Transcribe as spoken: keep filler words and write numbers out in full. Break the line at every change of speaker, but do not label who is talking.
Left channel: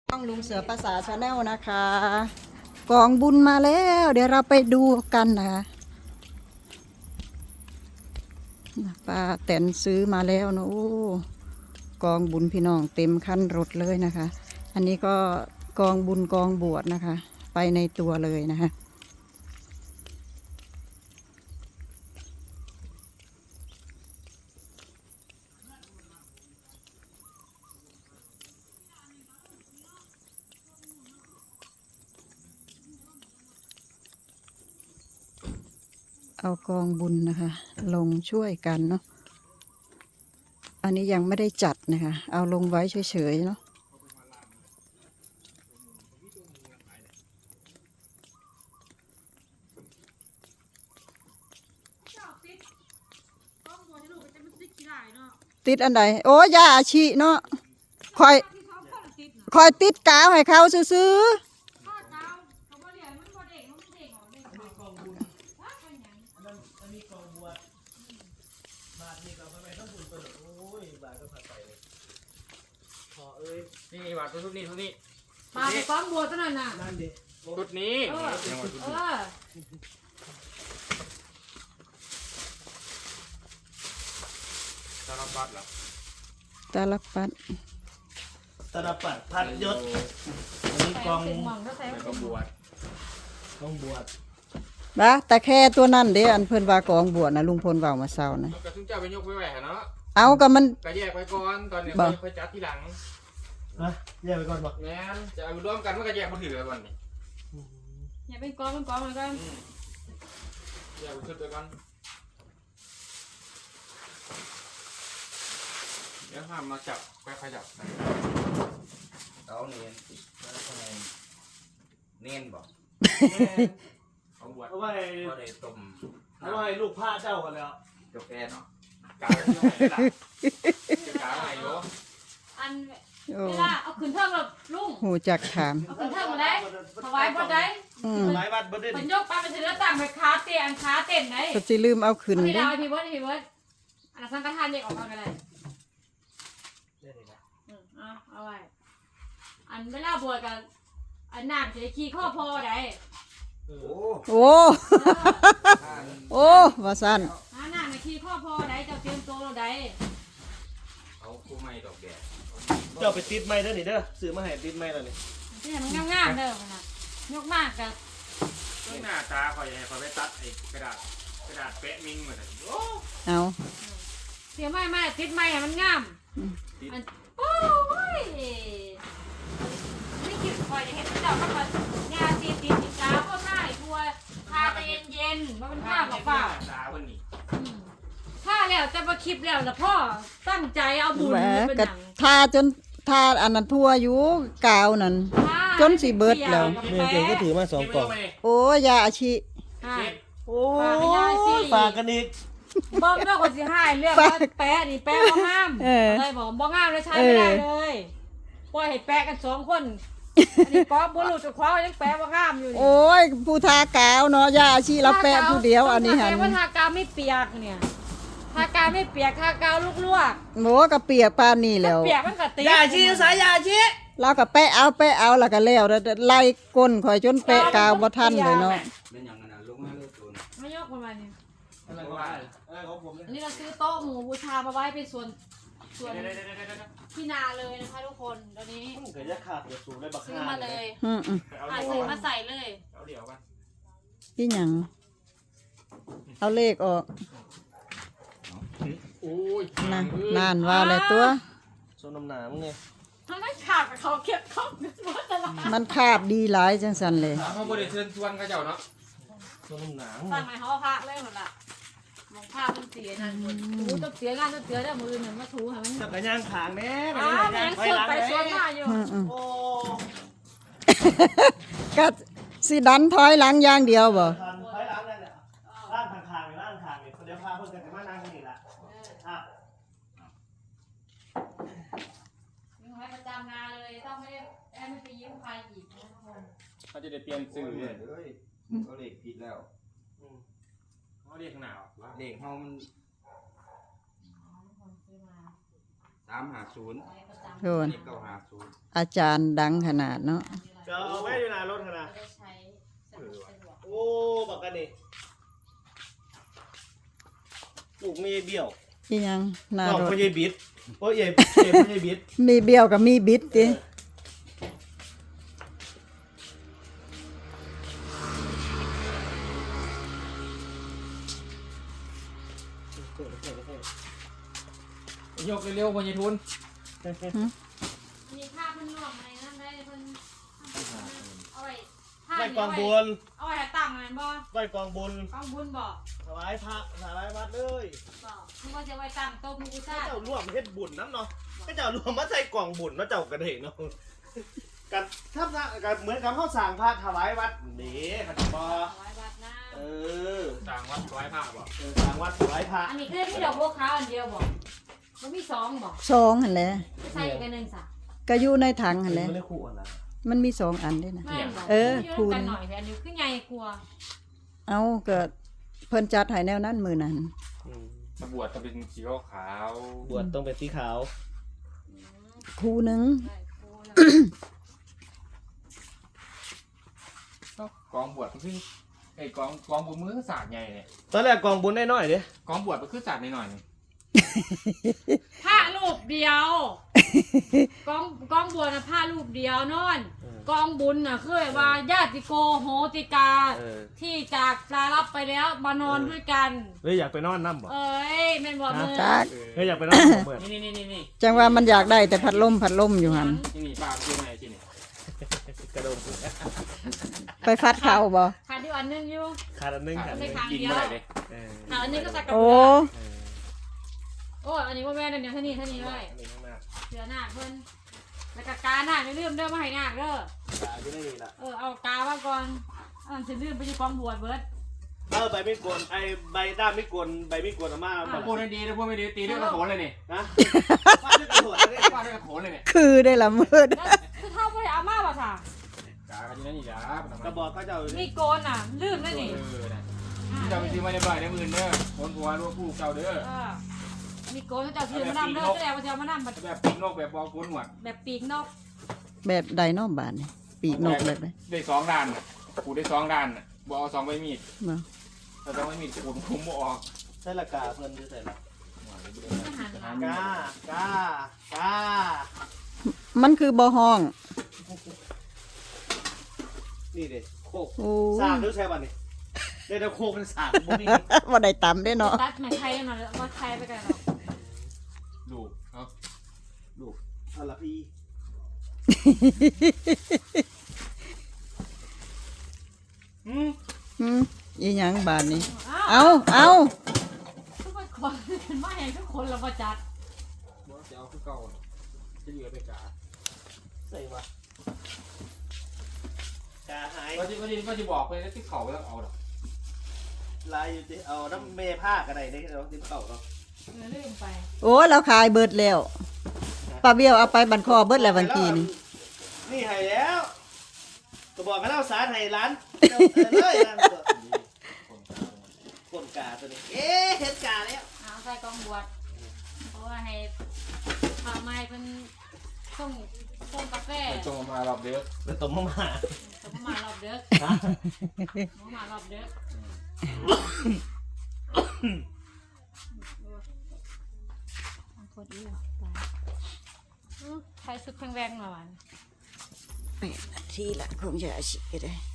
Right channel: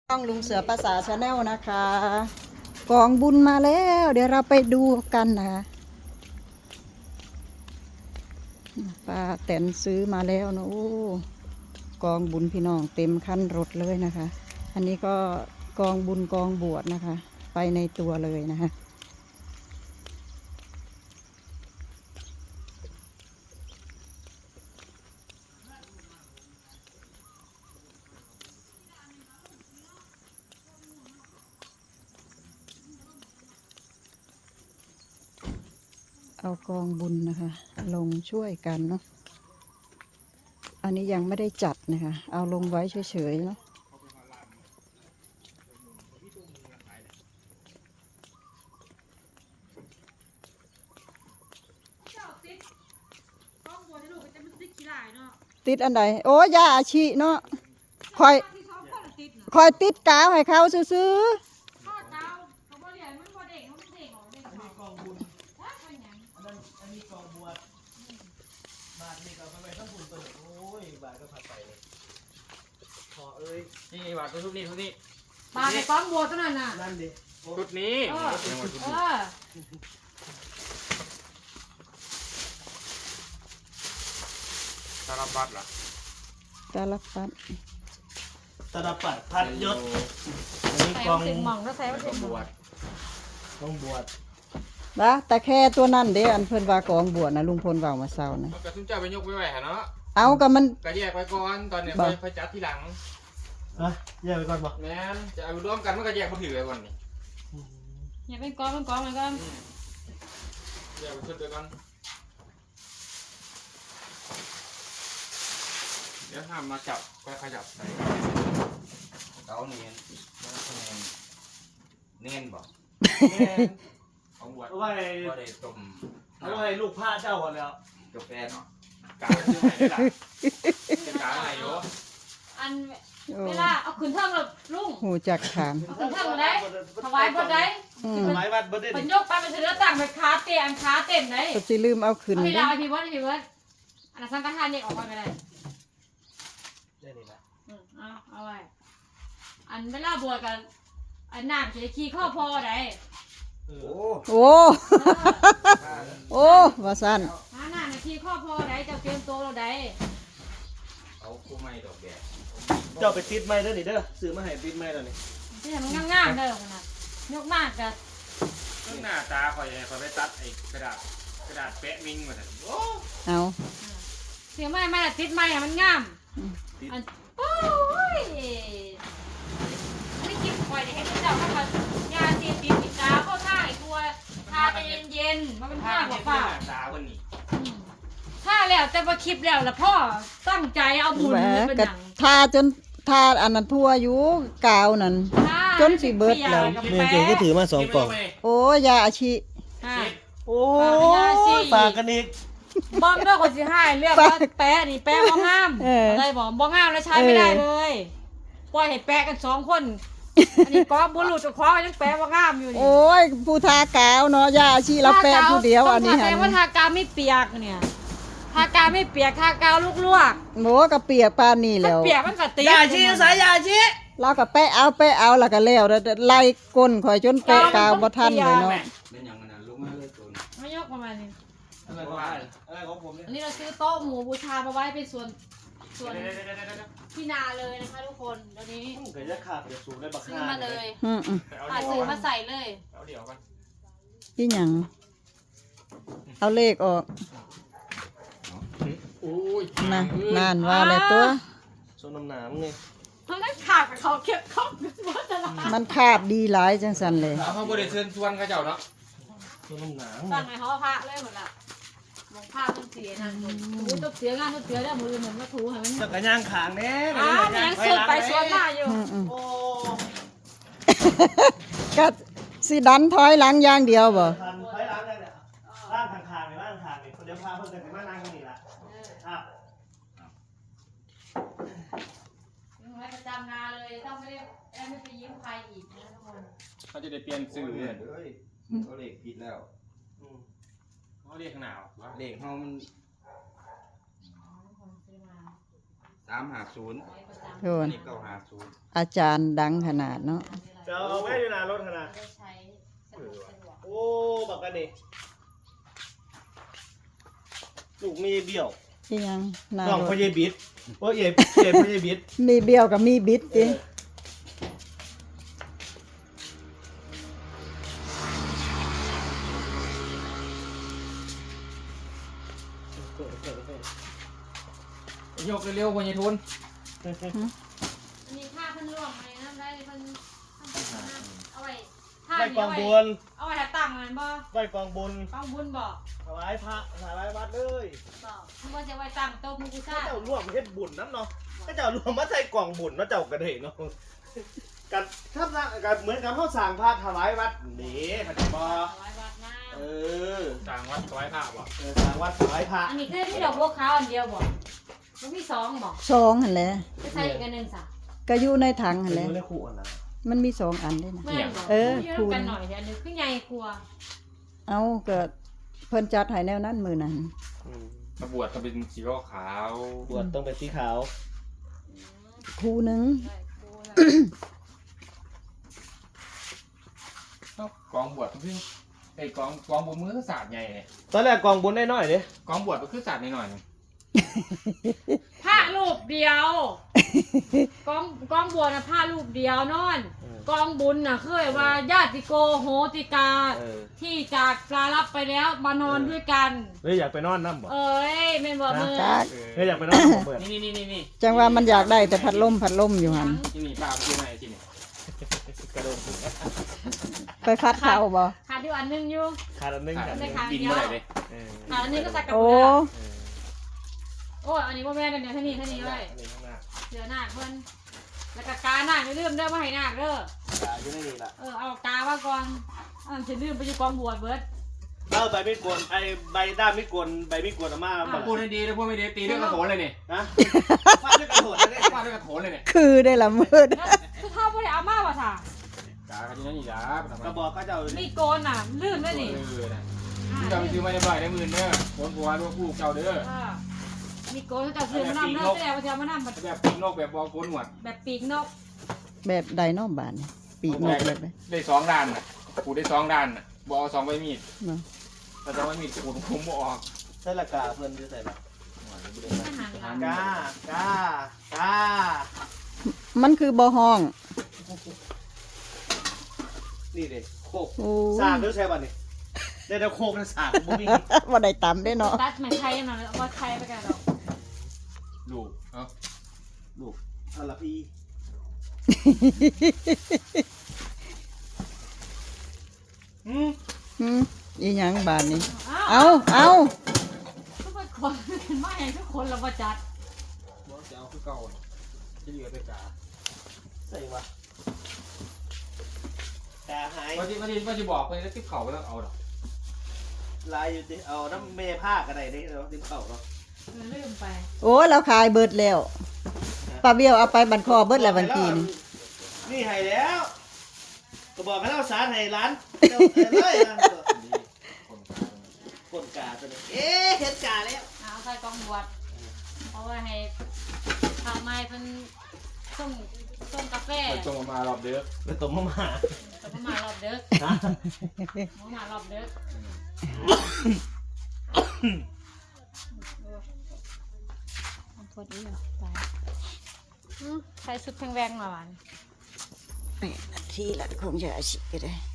ต้องลุงเสือภาษาชาแนลนะคะกองบุญมาแล้วเดี๋ยวเราไปดูกันนะป้าแตนซื้อมาแล้วนะโอ้กองบุญพี่น้องเต็มคันรถเลยนะคะ อันนี้ก็กองบุญกองบวชนะคะ ไปในตัวเลยนะคะเอากองบุญนะคะ ลงช่วยกันเนาะอันนี้ยังไม่ได้จัดนะคะเอาลงไว้เฉยๆเนาะติดอันใดโอ้ยาอาชีเนาะคอยคอยติดกาวให้เขาซื้อ
นี่บาทชุดนี้ชุดนี้
ปลาไปก้อนบัวตัวนั้นน่ะ
นั่นดิ
ชุดนี้ยังว่าชุด
เอ
นี้
อ
สารพัดเหรอ
ตาลับปัด
ตลปัดพัดยศอันนี้
ใส่
กอง
เสียงหม่องก็ใส่
แล้ว
เสี
ก็
ยง
บวช
กองบวช
นะแต่แค่ตัวนั้นเด้อันเพิ่นว่ากองบวชนะลุงพลเว้ามาเช้านะ
กระทุ่มเจ้าไปยกไว้ไหวเนาะ
เอากับมัน
กระแยกไปก่อนตอนนี้ค่อยจัดทีหลัง
ฮะแยกไปก่อนบ่
แม่นจะเอารวมกันมันก็แยกมาถือไว้ก่อนนี่
อย่าเป็นก้อนเป็นก้อนเหมือนกัน
แยกไปชุดเดียวกันเดี๋ยวห้ามมาจับไปขยับใส่
เขาเนียนแล้วคะแนนเนียนบอก
ของบวช
เอาไว้
ก็ได้ต้ม
เอาไว้ลูกพระเจ้าก่อนแล้ว
กาแฟเนาะ
กาอยู่ไหนล่ะจะกาไหนอยู่
อัน
โอ้
เวลาเอาขึ้นเทิงแบบลุง
หูจักขาม
เอาขึ้นเทิงมาได้ถวายบดได้
อืม
ถวายวัดบ่ได้
เป็น
ดิ
ยกไปเป็นเสือต่างไปขาเตียนขาเต็มได้
ก็สิลืมเอาขึ้น
เอาเว
เด้
ลาพี่เบิร์ดพี่เบิร์ดอันนั้นสังฆทานเนี่ยออกมาก็ได้
ได้นี่นะ
อืมเอาเอาไว้อันเวลาบวชกันอันน้ำจะขี่ข้อพอได้
โอ้
โอ้
ข้า
โอ้ว่าซั่น
หาน้ำมาขี่ข้อพอได้เจ้าเตรียมตัวเราได้
เอาคู่ไม้ดอกแดด
เจ้าไปติดไม้เด้อนี่เด้อซื้อมาให้ติดไม้แล้วนี่
ที่มันง่ายๆเด้อขนาดยกมากกัน
เรื่องหน้าตาคอยคอยไปตัดไอ้กระดาษกระดาษแปะมิ้งเหมือนกันโอ้
เอา
เสียงไม้ไม้ละติดไม้อะมันงามอันโอ้ยไม่คิดคอยจะให้พระเจ้าเข้ามายาตีตีติดตาก็ง่ายกลัวทาเย็นเย็นๆมันเป็น
ข้า
ข้าว
ว
เปล่า
ตาคนนี้
ถ้าแล้วแต่ว่าคลิปแล้วแล้วพ่อตั้งใจเอาบุญ
แหม
มาเป็น
ก็
หนัง
ทาจนทาอันนั้นทั่วอยู่กาวนั่น จนสิเบิดแล้ว
เนี่ยเจ๊ก็ถือมาสองกล่อง
โอ้ยาอาชี
ใช่
โอ้ยฝากกันอีก
บ้องเรื่องคนสิให้เรียกว่าแปะนี่แปะบ้องงาม
เออ
ได้บอกบ้องงามแล้วใช้ไม่ได้เลยปล่อยให้แปะกันสองคนอันนี้ก็บุรุษจะคว้าไว้ยังแปะบ้องงามอยู่นี่
โอ้ยผู้ทากาวเนาะยาอาชีเราแปะผู้เดียวอันนี้หัน
ทากาวว่าทากาวไม่เปียกเนี่ยทากาวไม่เปียกทากาวลวก
โหกระเปียกปานนี่
ๆ
แล้ว
เปียกมันก็ติด
ยาชีสายยาชี
เราก็แปะเอาแปะเอาแล้วก็แล้วแล้วไล่ก้นข่อยจนแปะกาวบ่ทันเลยเนาะ
เป็นอย่างมันลุกมาเลยตัวนี้
ไม่ยกประมาณนี้
อะไรของอะไรของผมเนี่ย
อันนี้เราซื้อโต๊ะหมูบูชามาไว้เป็นส่วนส่วนที่นาเลยนะคะทุกคนตอนนี้
มันก็จะขาดเดี๋ยวสูงได้บัก
ซื้อ
ฮา
มาเลย
อืมอืม
ผ่าซื้อมาใส่เลย
เอาเดี๋ยวมัน
อีหยังเอาเลขออก
โอ้ย
นะนานว่าแล้วตัว
โซนน้ำหนามไง
ทำได้ขาดกับเขาเก็บเขาหมดแต่ละ
มันคาบดีหลายจังสันเลย
เขาบริเชิญชวนเขาเจ้าเนาะ
โซนน้ำหนาม
ตั้งไหนเขาพระเลยหมดละมองภาพมันเสียนะถูต้องเสียงานต้องเสียได้มือหนึ่งก็ถูให้มัน
จักรยานขางแน่
อ่า
จักร
แม
ยาน
ง
ถอย
เสือ
หลัง
ไป
แน่
เสือมาอยู่
อืมอืม
โอ้
ก็สิดันถอยหลังอย่างเดียวบ่
ทันถอยหลังเลยเนี่ยร่างขางๆนี่ร่างขางนี่เดี๋ยวพาเพิ่นกันมานั่งกันนี่ละครับ
ยังไว้ประจำงานเลยต้องไม่ได้ไม่ไปยิ้มใครอีกนะทุกคน
เขาจะได้เปลี่ยน
ซื้ซื้
สื่
อ
อ
เลยเขาเลขผิดแล้ว
อืม
เขาเรียกขนาดว่า
เลขเฮามัน
ทุกคนซื้อมา
สามห้าศูนย์
โด
อั
น
นนี้เก้าห้าศูนย์
อาจารย์ดังขนาดเนาะ
จะเอาแม่อยู่หน้ารถขนาดโอ้บักกันดิลูกมีเบี้ยว
ที่ยังหนา
น้อง
ร
พ
ถ
ญาบิดโอ้ยเอ๋เอ๋พญาบิด
มีเบี้ยวกับมีบิดติ
ยกเร็วๆบนยายทุน
อันนี้ผ้าเพิ่นร่วงอะไรนั่นได้เพิ่นเอาไว้ผ้า
ไหว้
นี่
กอ
เอา
ง
ไว้
บุญ
เอาไว้ให้ตั้งมันบ่
ไหว้กองบุญ
กองบุญบ่
ถวายพระถวายวัดเลย
บ่มันบ่จะไว้ตั้งโต๊ะหมู่บูชา
เจ้าร่วมเฮ็ดบุญน้ำเนาะก็เจ้ารวมมาใส่กล่องบุญเนาะเจ้ากันเห็นเนาะกันถ้ากันเหมือนกับเขาสั่งพระถวายวัดนี่ขัดบอ
ถวายวัดน้
เออ
ต่างวัดถวายผ้าบ่
เออสั่งวัดถวายพระ
ำอันนี้คือมีดอกบัวขาวอันเดียวบ่มันมีสองบ่
สองหั่นแหละ
จะใส่อีกอันหนึงซะ
ก็อยู่ในถังหั่นแหละ
ไม่ได้คู่อะไร
มันมีสองอันด้วยนะ
แม่นบ่
เออ
มี
คูณ
กันหน่อยเดี๋ยวอันนี้คือใหญ่กว่า
เอาเกิดเพิ่นจัดให้แนวนั้นมือนั้น
กระบวดก็เป็นสีขาว
บวชต้องเป็นสีขาว
คูหนึง
ได้กูละ
กองบวชก็คือไอ้กองกองบุญมือศาสตร์ไงเนี่ย
ตอนแรกกองบุญน้อยๆเลย
กองบวชก็คือศาสตร์หน่อยๆนึง
ผ้ารูปเดียว กองกองบัวน่ะผ้ารูปเดียวนอน กองบุญน่ะคือว่าญาติโกโหติกา
เออ
ที่จากปลารับไปแล้วมานอนด้วยกัน
เฮ้ยอยากไปนอนน้ำบ่
เอ้ยแม่นบอกมือ
จัด
เฮ้ยอยากไปนอนน้ำบ่
นี่นี่นี่นี่
จังว่ามันอยากได้แต่พัดลมพัดลมอยู่หั่น
นี่นี่ป้าเป็นไงที่นี่
กระโดด
ไปฟัดเขาบ่
ขาดอยู่อันหนึงอยู่
ขาดอันนึง
ขาด
ขาดอันนึง
กินเมื่อไหร่เลย
เออ
ขาดอันนี้ก็ใส่กับ
โอ้
เรือโอ้อันนี้ว่าแม่นเดี๋ยวเท่านี้เท่านี้ไว้
อันนี้ข้างหน้า
เสือหน้าเพิ่นแล้วก็กาหน้าไม่ลืมเด้อมาให้หน้าเด้อ
ขาดอยู่ในนี่ล่ะ
เออเอากาว่าก่อนอันนั้นฉันลืมไปอยู่กองบวชเบิด
เออใบไม่กวนไอ้ใบด้ามไม่กวนใบไม่กวนอาม่าครับ
พูดให้ดีนะพูดไม่ดีตีด้วยกระโถนเลยนี่
นะฟาดด้วยกระโดดเลย
ฟาดด้วยกระโถนเลยเนี่ย
คือได้ละมืด
แล้วคือถ้าบ่ได้เอามาว่าท่าก
ากันอยู่นั่นนี่จ้าก
ระบอกก็จะเอาอยู่
มี
นี่
โกนน่ะลืมแล้วนี่
เออนะที่เราไปซื้อมาได้บ่อยได้หมื่นเด้อคนผัวลูกผู้เก่าเด้อ
เออมีโกนเขาจะเสือมานำเด้อแต่ว่าเสือมานำ
แบบปีกนกแบบบอลโกนหนวด
แบบปีกนก
แบบไดโนบานนี่ปีกนกเลยเลย
ได้สองด้านน่ะขูดได้สองด้านน่ะบอลสองใบมีด
เนาะ
แต่สองใบมีดขูดคุ้มบ่ออก
ใส่ละกาเพิ่นอยู่ใส่ละ
หา
กากากา
มันคือบ่ห้อง
นี่เด็โคก
โอ้
สากด้วยใช่ป่ะนี่เดี๋ยวโคกนั่นสากบ่มี
บ่ได้ตำได้เนาะ
ตัดเหมือนไทยหน่อยเอามาไทยไปกันเนาะ
ลูกเอ้า
ลูกอัลลาพี
อืม
หืมอีหยังบานนี้เอาเอา
ทุกคนเป็นมาอย่างทุกคนเราประจัด
บอลจะเอาคือเก่าน่ะจะเหลือไปกา
ใส่วะกาหาย
ว่าจะว่าจะว่าจะบอกไปแล้วที่เขาแล้วเอาดอก
ลายอยู่ดิเอาน้ำเมผ้ากันไหนได้เราติมเข่าเนาะ
เออลืมไป
โอ้เราขายเบิดแล้วป้าเบี้ยวเอาไปบันคอเบิดแล้ววันกีน
นี่ให้แล้วก็บอกให้เราสารให้ร้านเจ้าเออเลยนะ
นี่คนกา
คนกาตัวนี้เอ๊ะเห็นกาแล้ว
เอาใส่กองบวชเพราะว่าให้ทำไมเป็นต้มต้มกาแฟ
มันจงมารอบเด้อ
เป็นตัวมาม่า
ต้มมารอบเด็กมารอบเด็กพอดีอ่ะไปใส่ชุดแพงๆหน่อย
นี่นาทีละคงจะอาชีพก็ได้